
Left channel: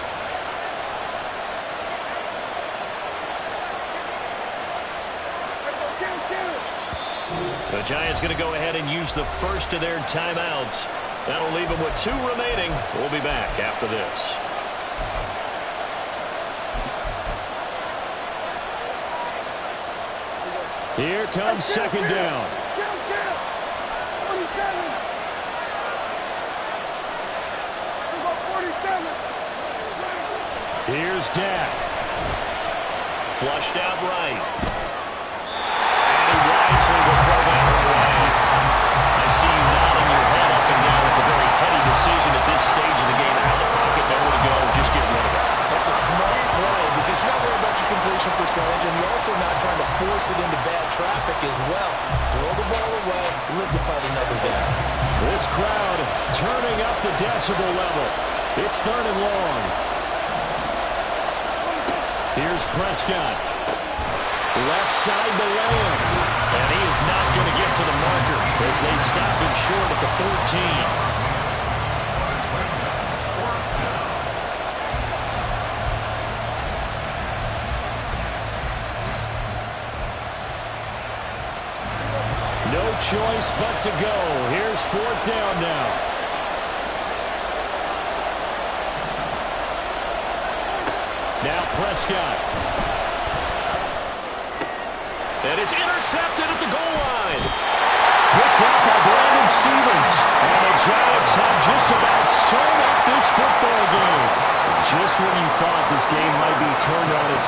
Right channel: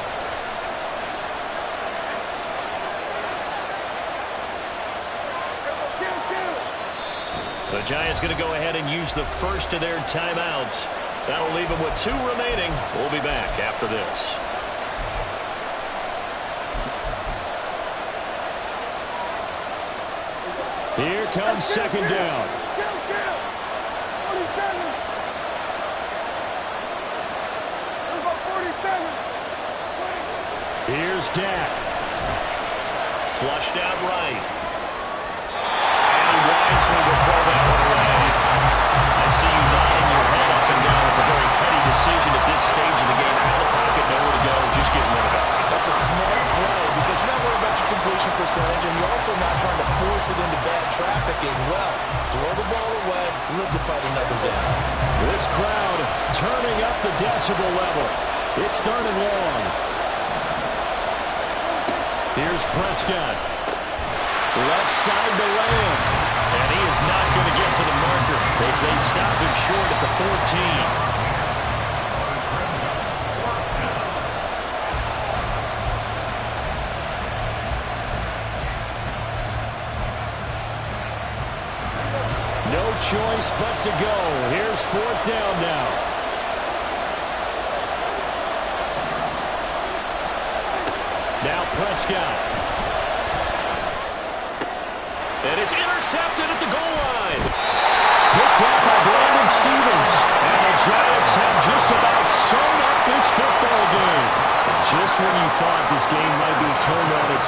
The Giants going to go ahead and use the first of their timeouts. That'll leave them with 2 remaining. We'll be back after this. Here comes 2nd down. 47. Here's Dak. Flushed out right. And he wisely will throw that one away. I see you nodding your head up and down. It's a very heady decision at this stage of the game. Out of the pocket, nowhere to go, just get rid of it. That's a smart play because you're not worried about your completion percentage, and you're also not trying to force it into bad traffic as well. Throw the ball away, live to fight another down. This crowd turning up the decibel level. It's 3rd and long. Here's Prescott. Left side to Lamb. And he is not going to get to the marker as they stop him short at the 14. No choice but to go. Here's 4th down now. Now Prescott. And it's intercepted at the goal line. Picked up by Brandon Stephens. And the Giants have just about sewn up this football game. Just when you thought this game might be turned on its